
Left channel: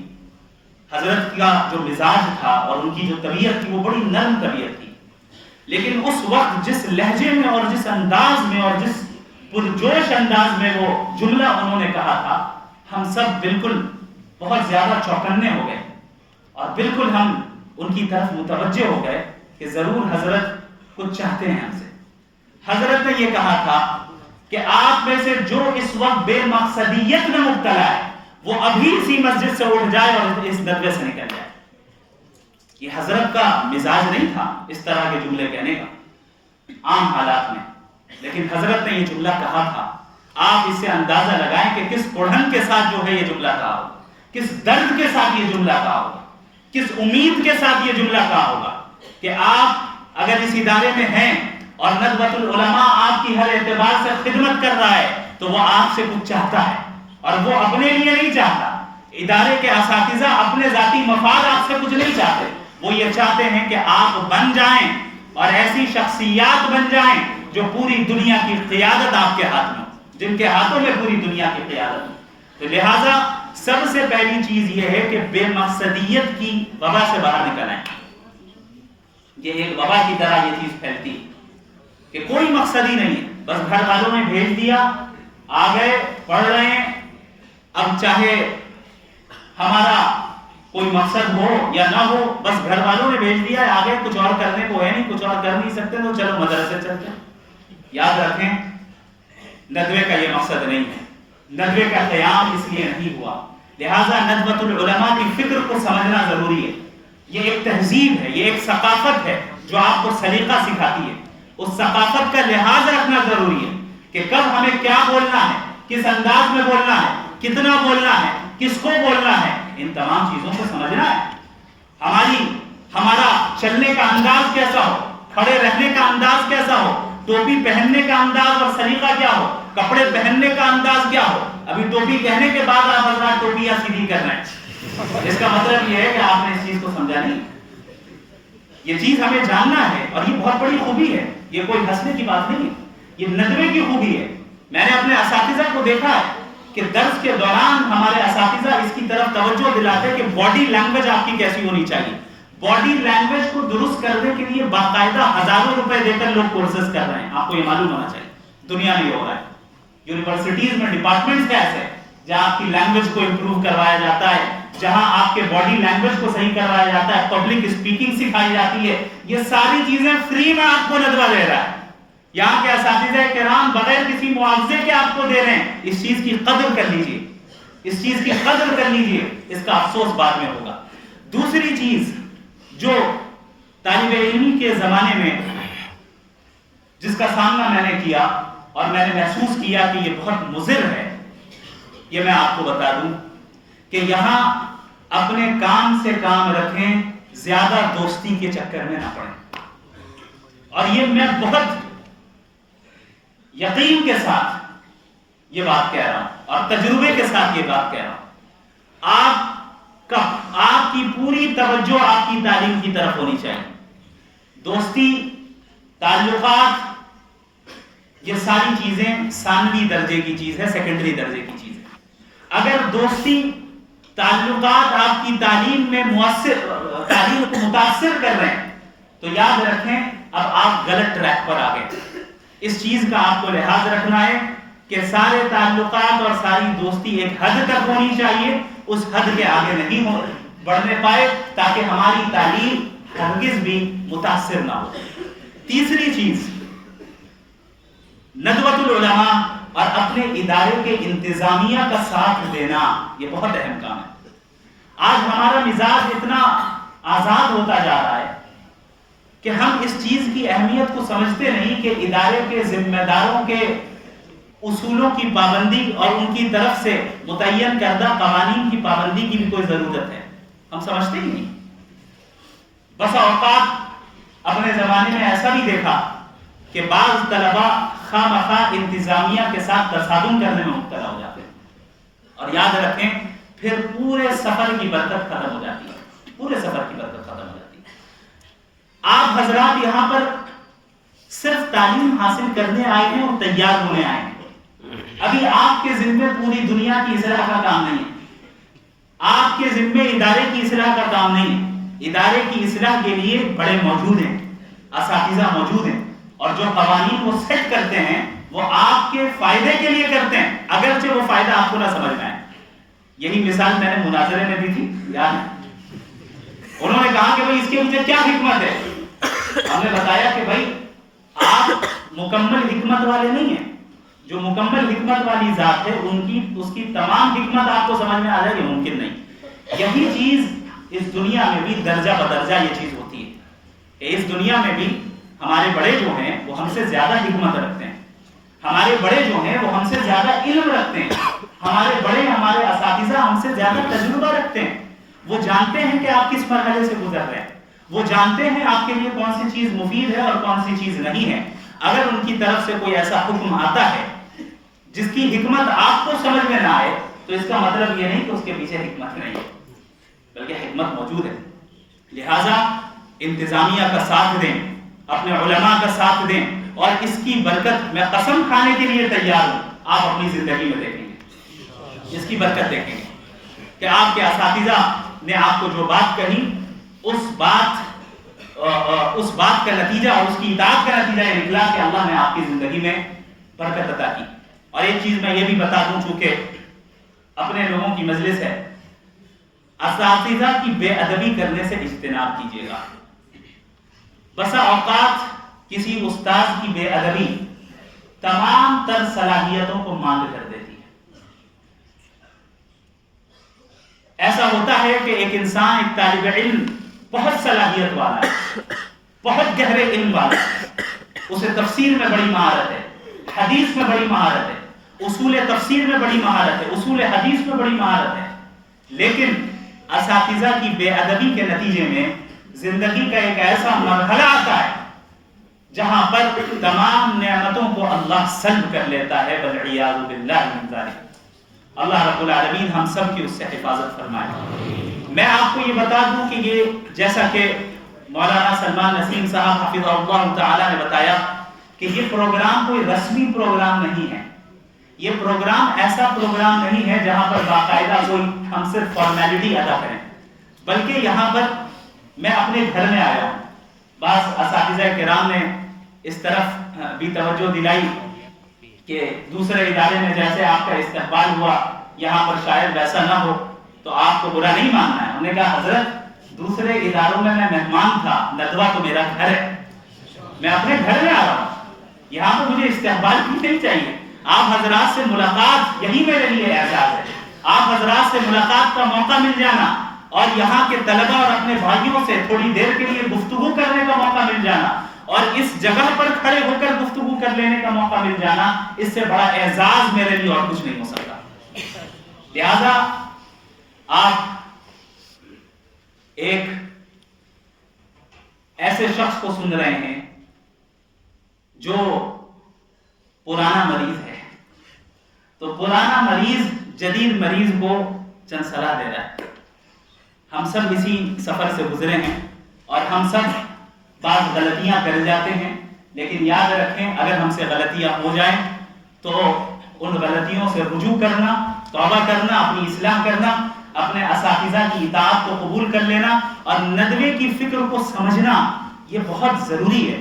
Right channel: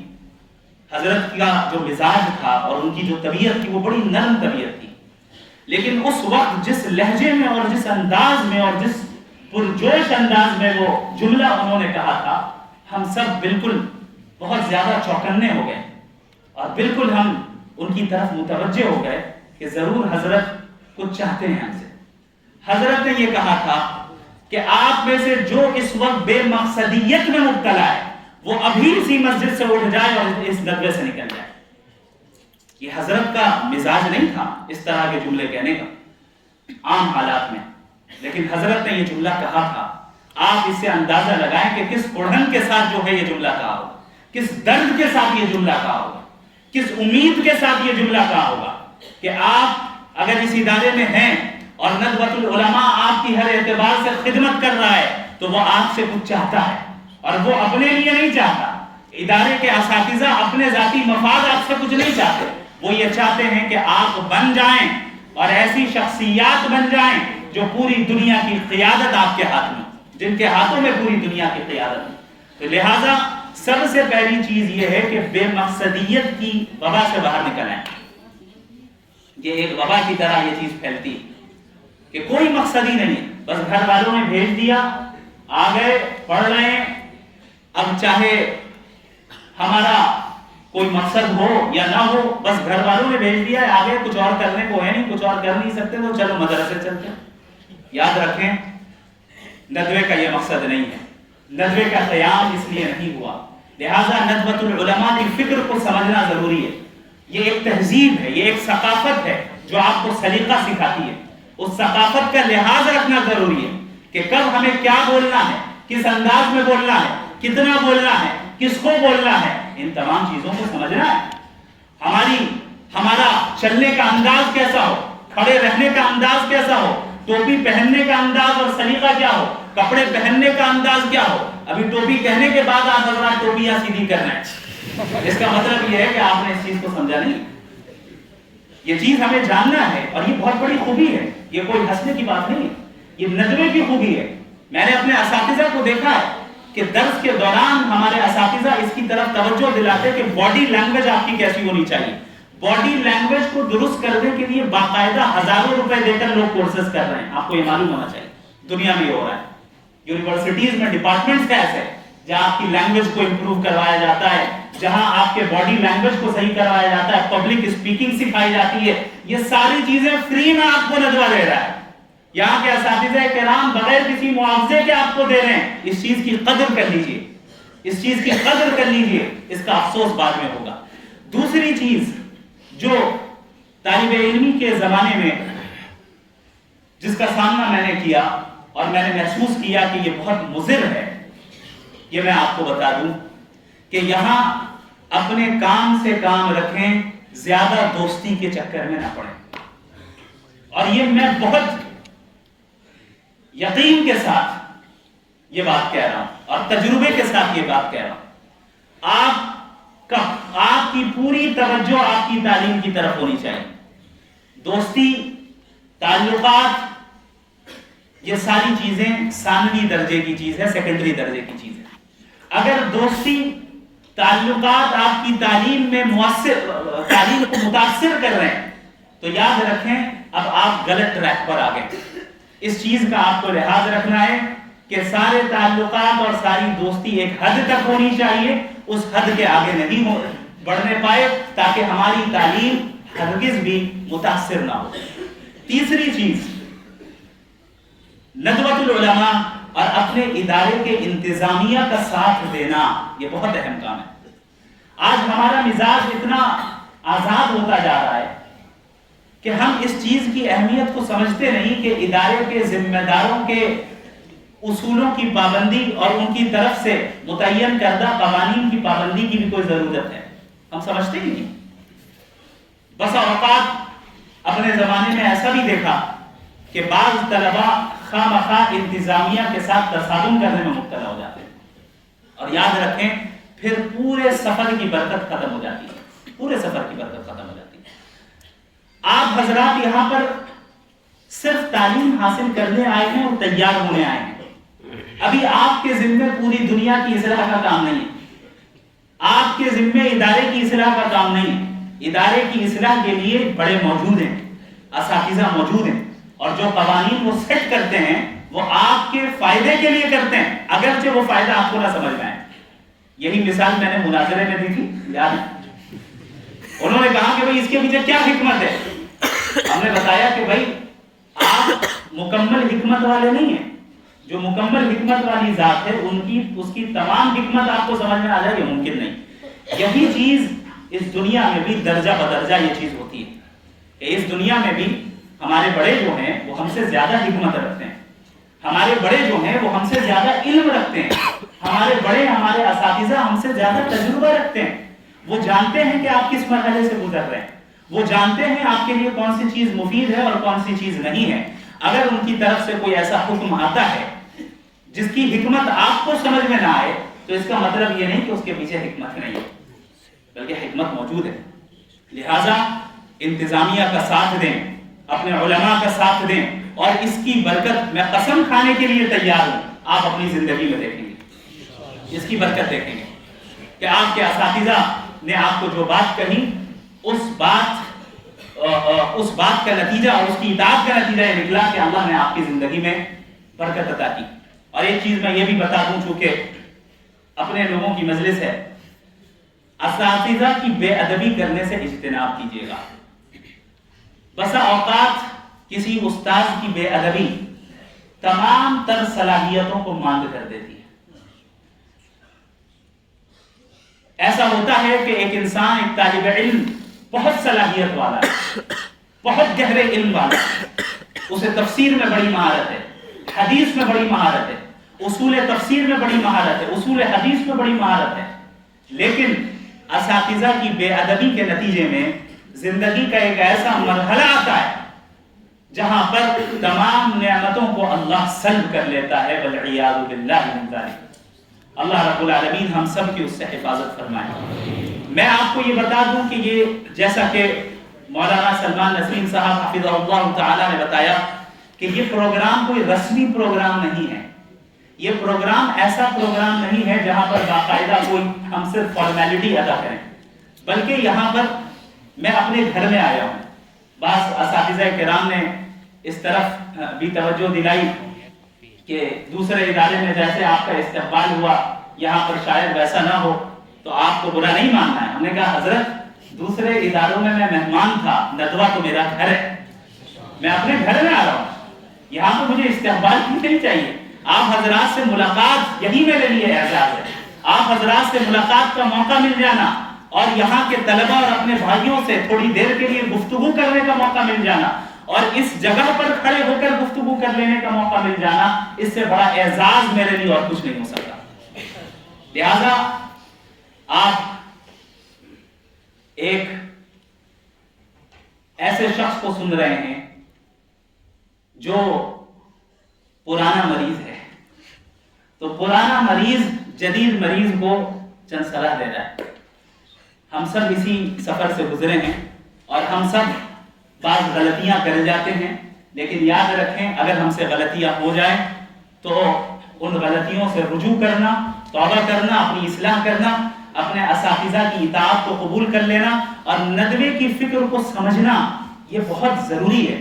حضرت کا جو مزاج تھا اور ان کی جو طبیعت تھی وہ بڑی نرم طبیعت تھی، لیکن اس وقت جس لہجے میں اور جس انداز میں اور جس پرجوش انداز میں وہ جملہ انہوں نے کہا تھا، ہم سب بالکل بہت زیادہ چوکنے ہو گئے اور بالکل ہم ان کی طرف متوجہ ہو گئے کہ ضرور حضرت کچھ چاہتے ہیں ہم سے. حضرت نے یہ کہا تھا کہ آپ میں سے جو اس وقت بے مقصدیت میں مبتلا ہے وہ ابھی اسی مسجد سے اٹھ جائے اور اس ندوے سے نکل جائے. یہ حضرت کا مزاج نہیں تھا اس طرح کے جملے کہنے کا عام حالات میں، لیکن حضرت نے یہ جملہ کہا تھا. آپ اس سے اندازہ لگائیں کہ کس کڑھن کے ساتھ جو ہے یہ جملہ کہا ہو، کس درد کے ساتھ یہ جملہ کہا ہو. کس امید کے ساتھ یہ جملہ کہا ہوگا کہ آپ اگر اس ادارے میں ہیں اور ندوۃ العلماء آپ کی ہر اعتبار سے خدمت کر رہا ہے تو وہ آپ سے کچھ چاہتا ہے، اور وہ اپنے لیے نہیں چاہتا۔ ادارے کے اساتذہ اپنے ذاتی مفاد آپ سے کچھ نہیں چاہتے، وہ یہ چاہتے ہیں کہ آپ بن جائیں اور ایسی شخصیات بن جائیں جو پوری دنیا کی قیادت آپ کے ہاتھ میں، جن کے ہاتھوں میں پوری دنیا کی قیادت ہو۔ تو لہٰذا سب سے پہلی چیز یہ ہے کہ بے مقصدیت کی وبا سے باہر نکل آئیں۔ یہ ایک وبا کی طرح یہ چیز پھیلتی کہ کوئی مقصد ہی نہیں ہے، بس گھر والوں نے بھیج دیا، آ گئے، پڑھ رہے ہیں، اب چاہے ہمارا کوئی مقصد ہو یا نہ ہو، بس گھر والوں نے بھیج دیا ہے، آ گئے، کچھ اور کرنے کو ہے نہیں، کچھ اور کر نہیں سکتے تو چلو مدرسے چلتے ہیں۔ یاد رکھیں ندوے کا یہ مقصد نہیں ہے، ندوے کا قیام اس لیے نہیں ہوا، لہٰذا ندوۃ العلماء کی فکر کو سمجھنا ضروری ہے۔ یہ ایک تہذیب ہے، یہ ایک ثقافت ہے جو آپ کو سلیقہ سکھاتی ہے۔ اس ثقافت کا لحاظ رکھنا ضروری ہے کہ کب ہمیں کیا بولنا ہے، کس انداز میں بولنا ہے، کتنا بولنا ہے، کس کو بولنا ہے، ان تمام چیزوں کو سمجھنا ہے۔ ہمارا چلنے کا انداز کیسا ہو، کھڑے رہنے کا انداز کیسا ہو، ٹوپی پہننے کا انداز اور سلیقہ کیا ہو، کپڑے پہننے کا انداز کیا ہو۔ ابھی ٹوپی کہنے کے بعد آپ حضرات ٹوپیاں سیدھی کرنا ہے، اس کا مطلب یہ ہے کہ آپ نے اس چیز کو سمجھا نہیں۔ یہ چیز ہمیں جاننا ہے اور یہ بہت بڑی خوبی ہے، یہ کوئی ہنسنے کی بات نہیں ہے، یہ ندوے کی خوبی ہے۔ میں نے اپنے اساتذہ کو دیکھا ہے کہ درس کے دوران ہمارے اساتذہ اس کی طرف توجہ دلاتے کہ باڈی لینگویج آپ کی کیسی ہونی چاہیے۔ باڈی لینگویج کو درست کرنے کے لیے باقاعدہ ہزاروں روپے دے کر لوگ کورسز کر رہے ہیں، آپ کو یہ معلوم ہونا چاہیے۔ دنیا میں یہ ہو رہا ہے، یونیورسٹیز میں ڈپارٹمنٹس ایسے ہیں جہاں آپ کی لینگویج کو امپروو کروایا جاتا ہے، جہاں آپ کے باڈی لینگویج کو صحیح کروایا جاتا ہے، پبلک اسپیکنگ سکھائی جاتی ہے۔ یہ ساری چیزیں فری میں آپ کو ندوہ دے رہا ہے، یہاں کے اساتذہ کرام بغیر کسی معاوضے کے آپ کو دے رہے ہیں۔ اس چیز کی قدر کر لیجئے، اس چیز کی قدر کر لیجئے، اس کا افسوس بعد میں ہوگا۔ دوسری چیز جو طالب علمی کے زمانے میں جس کا سامنا میں نے کیا اور میں نے محسوس کیا کہ یہ بہت مضر ہے، یہ میں آپ کو بتا دوں کہ یہاں اپنے کام سے کام رکھیں، زیادہ دوستی کے چکر میں نہ پڑیں۔ اور یہ میں بہت یقین کے ساتھ یہ بات کہہ رہا ہوں اور تجربے کے ساتھ یہ بات کہہ رہا ہوں۔ آپ کی پوری توجہ آپ کی تعلیم کی طرف ہونی چاہیے۔ دوستی، تعلقات، یہ ساری چیزیں ثانوی درجے کی چیز ہے، سیکنڈری درجے کی چیز ہے۔ اگر دوستی، تعلقات آپ کی تعلیم میں تعلیم کو متاثر کر رہے ہیں تو یاد رکھیں اب آپ غلط ٹریک پر آ گئے۔ اس چیز کا آپ کو لحاظ رکھنا ہے کہ سارے تعلقات اور ساری دوستی ایک حد تک ہونی چاہیے، اس حد کے آگے نہیں بڑھنے پائے تاکہ ہماری تعلیم ہرگز بھی متاثر نہ ہو۔ تیسری چیز، ندوۃ العلماء اور اپنے ادارے کے انتظامیہ کا ساتھ دینا، یہ بہت اہم کام ہے۔ آج ہمارا مزاج اتنا آزاد ہوتا جا رہا ہے کہ ہم اس چیز کی اہمیت کو سمجھتے نہیں کہ ادارے کے ذمہ داروں کے اصولوں کی پابندی اور ان کی طرف سے متعین کردہ قوانین کی پابندی کی بھی کوئی ضرورت ہے، ہم سمجھتے ہی نہیں۔ بس اوقات اپنے زمانے میں ایسا بھی دیکھا کہ بعض طلباء خواہ مخواہ انتظامیہ کے ساتھ تصادم کرنے میں مبتلا ہو جاتے ہیں، اور یاد رکھیں پھر پورے سفر کی برکت ختم ہو جاتی ہے، پورے سفر کی برکت ختم ہو جاتی ہے۔ آپ حضرات یہاں پر صرف تعلیم حاصل کرنے آئے ہیں اور تیار ہونے آئے ہیں، ابھی آپ کے ذمے پوری دنیا کی اصلاح کا کام نہیں ہے، آپ کے ذمے ادارے کی اصلاح کا کام نہیں ہے۔ ادارے کی اصلاح کے لیے بڑے موجود ہیں، اساتذہ موجود ہیں، اور جو قوانین وہ سیٹ کرتے ہیں وہ آپ کے فائدے کے لیے کرتے ہیں، اگرچہ وہ فائدہ آپ کو نہ سمجھ میں آئے۔ یہی مثال میں نے مناظرے میں دی تھی، یاد ہے؟ انہوں نے کہا کہ بھائی اس کے پیچھے کیا حکمت ہے؟ ہم نے بتایا کہ بھائی آپ مکمل حکمت والے نہیں ہیں، جو مکمل حکمت والی ذات ہے اس کی تمام حکمت آپ کو سمجھ میں آ جائے، یہ ممکن نہیں۔ یہی چیز اس دنیا میں بھی درجہ بدرجہ یہ چیز ہوتی ہے کہ اس دنیا میں بھی ہمارے بڑے جو ہیں وہ ہم سے زیادہ حکمت رکھتے ہیں، ہمارے بڑے جو ہیں وہ ہم سے زیادہ علم رکھتے ہیں، ہمارے بڑے، ہمارے اساتذہ ہم سے زیادہ تجربہ رکھتے ہیں، وہ جانتے ہیں کہ آپ کس مرحلے سے گزر رہے ہیں، وہ جانتے ہیں آپ کے لیے کون سی چیز مفید ہے اور کون سی چیز نہیں ہے۔ اگر ان کی طرف سے کوئی ایسا حکم آتا ہے جس کی حکمت آپ کو سمجھ میں نہ آئے تو اس کا مطلب یہ نہیں کہ اس کے پیچھے حکمت نہیں ہے، بلکہ حکمت موجود ہے۔ لہٰذا انتظامیہ کا ساتھ دیں، اپنے علماء کا ساتھ دیں، اور اس کی برکت میں قسم کھانے کے لیے تیار ہوں، آپ اپنی زندگی میں دیکھیں گے، اس کی برکت دیکھیں گے کہ آپ کے اساتذہ نے آپ کو جو بات کہی اس بات کا نتیجہ اور اس کی اطاعت کا نتیجہ یہ نکلا کہ اللہ نے آپ کی زندگی میں برکت عطا کی۔ اور ایک چیز میں یہ بھی بتا دوں، چونکہ اپنے لوگوں کی مجلس ہے، اساتذہ کی بے ادبی کرنے سے اجتناب کیجیے گا۔ بسا اوقات کسی استاد کی بے ادبی تمام تر صلاحیتوں کو ماند کر دیتی ہے۔ ایسا ہوتا ہے کہ ایک انسان، ایک طالب علم بہت صلاحیت والا ہے، بہت گہرے علم والا ہے، اسے تفسیر میں بڑی مہارت ہے، حدیث میں بڑی مہارت ہے، اصول تفسیر میں بڑی مہارت ہے، اصول حدیث میں بڑی مہارت ہے، لیکن اساتذہ کی بے ادبی کے نتیجے میں زندگی کا ایک ایسا مرحلہ آتا ہے جہاں پر تمام نعمتوں کو اللہ سلب کر لیتا ہے، والعیاذ باللہ من ذالک۔ اللہ رب العالمین ہم سب کی اس سے حفاظت فرمائے۔ میں آپ کو یہ بتا دوں کہ یہ جیسا کہ مولانا سلمان نسیم صاحب حفظہ اللہ تعالی نے بتایا کہ یہ پروگرام کوئی رسمی پروگرام نہیں ہے، یہ پروگرام ایسا پروگرام نہیں ہے جہاں پر باقاعدہ کوئی ہم صرف فارمیلٹی ادا کریں، بلکہ یہاں پر میں اپنے گھر میں آیا ہوں۔ بعض اساتذہ کرام نے اس طرف بھی توجہ دلائی کہ دوسرے ادارے میں جیسے آپ کا استقبال ہوا یہاں پر شاید ویسا نہ ہو، تو آپ کو برا نہیں ماننا ہے۔ ہم نے کہا حضرت دوسرے اداروں میں مہمان تھا، ندوہ تو میرا گھر ہے، میں اپنے گھر میں آ رہا ہوں، یہاں تو مجھے استقبال کی نہیں چاہیے۔ آپ حضرات سے ملاقات یہی میرے لیے اعزاز ہے، آپ حضرات سے ملاقات کا موقع مل جانا اور یہاں کے طلبہ اور اپنے بھائیوں سے تھوڑی دیر کے لیے گفتگو کرنے کا موقع مل جانا اور اس جگہ پر کھڑے ہو کر گفتگو کر لینے کا موقع مل جانا، اس سے بڑا اعزاز میرے لیے اور کچھ نہیں ہو سکتا۔ لہذا آپ ایک ایسے شخص کو سن رہے ہیں جو پرانا مریض ہے، تو پرانا مریض جدید مریض کو چند صلاح دے رہا ہے۔ ہم سب اسی سفر سے گزرے ہیں اور ہم سب بعض غلطیاں کر جاتے ہیں، لیکن یاد رکھیں اگر ہم سے غلطیاں ہو جائیں تو ان غلطیوں سے رجوع کرنا، توبہ کرنا، اپنی اصلاح کرنا، اپنے اساتذہ کی اطاعت کو قبول کر لینا اور ندوے کی فکر کو سمجھنا یہ بہت ضروری ہے۔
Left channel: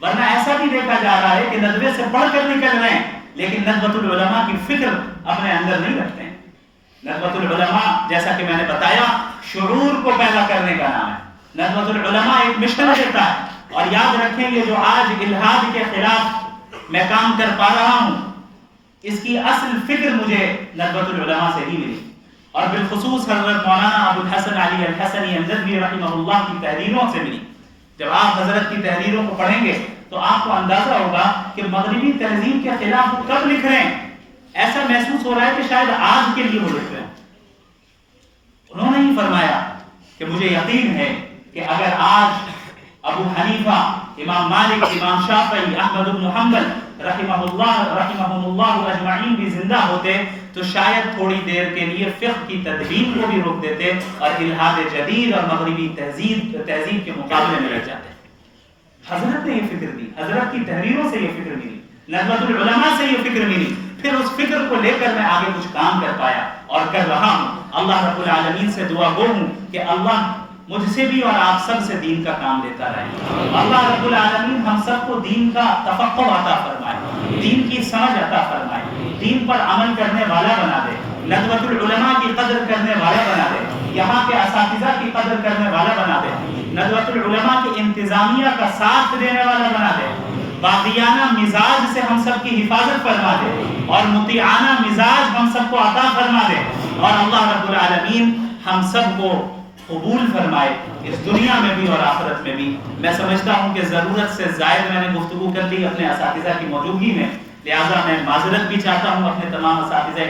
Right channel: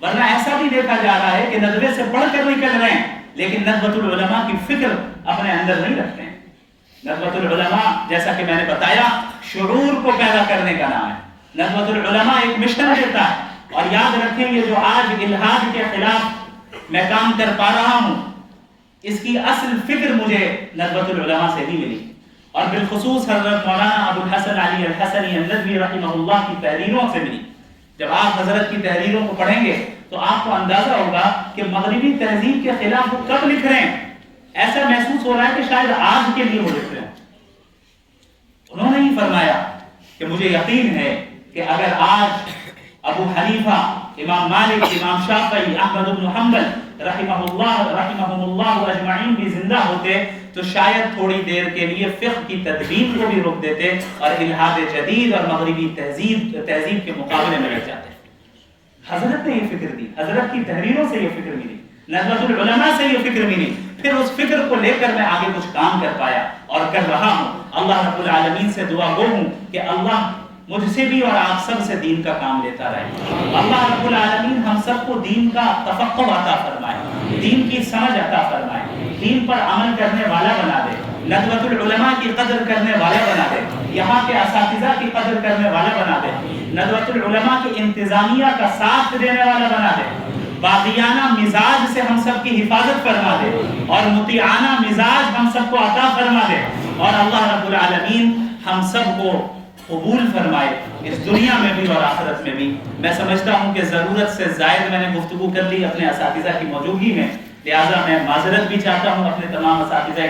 ورنہ ایسا بھی دیکھا جا رہا ہے کہ ندوے سے پڑھ کر نکل رہے ہیں لیکن ندوۃ العلماء کی فکر اپنے اندر نہیں رکھتے ہیں۔ ندوۃ العلماء جیسا کہ میں نے بتایا شعور کو پیدا کرنے کا نام ہے۔ ندوۃ العلماء ایک مشن دیتا ہے، اور یاد رکھیں یہ جو آج الحاد کے خلاف میں کام کر پا رہا ہوں اس کی اصل فکر مجھے ندوۃ العلماء سے ہی ملی، اور بالخصوص حضرت مولانا ابو الحسن علی الحسنی الندوی رحمہ اللہ کی تحریروں سے ملی۔ جب آپ حضرت کی تحریروں کو پڑھیں گے تو آپ کو اندازہ ہوگا کہ مغربی تہذیب کے خلاف وہ کب لکھ رہے ہیں۔ ایسا محسوس ہو رہا ہے کہ شاید آج کے لیے وہ لکھ رہے ہیں۔ انہوں نے ہی فرمایا کہ مجھے یقین ہے کہ اگر آج ابو حنیفہ، امام مالک، امام شافعی، احمد بن حنبل رحمہم اللہ اجمعین بھی زندہ ہوتے تو شاید تھوڑی دیر کے لیے فقہ کی تدوین کو بھی روک دیتے اور الحاد جدید اور مغربی تہذیب کے مقابلے میں رہ جاتے۔ حضرت نے یہ فکر دی، حضرت کی تحریروں سے یہ فکر ملی، ندوۃ العلماء سے یہ فکر ملی، پھر اس فکر کو لے کر میں آگے کچھ کام کر پایا اور کر رہا ہوں۔ اللہ رب العالمین سے دعا گو ہوں کہ اللہ مجھ سے بھی اور آپ سب سے دین کا کام لیتا رہے۔ اللہ رب العالمین ہم سب کو دین کا تفقہ عطا فرمائے، دین کی سمجھ عطا فرمائے، دین پر عمل کرنے والا بنا دے، ندوۃ العلماء کی قدر کرنے والا بنا دے، یہاں کے اساتذہ کی قدر کرنے والا بنا دے، ندوۃ العلماء کی انتظامیہ کا ساتھ دینے والا بنا دے، باغیانہ مزاج سے ہم سب کی حفاظت فرما دے اور مطیعانہ مزاج ہم سب کو عطا فرما دے، اور اللہ رب العالمین ہم سب کو قبول فرمائے اس دنیا میں بھی اور آخرت میں بھی۔ میں سمجھتا ہوں کہ ضرورت سے زائد میں نے گفتگو کر لی اپنے اساتذہ کی موجودگی میں، لہٰذا میں معذرت بھی چاہتا ہوں اپنے تمام اساتذہ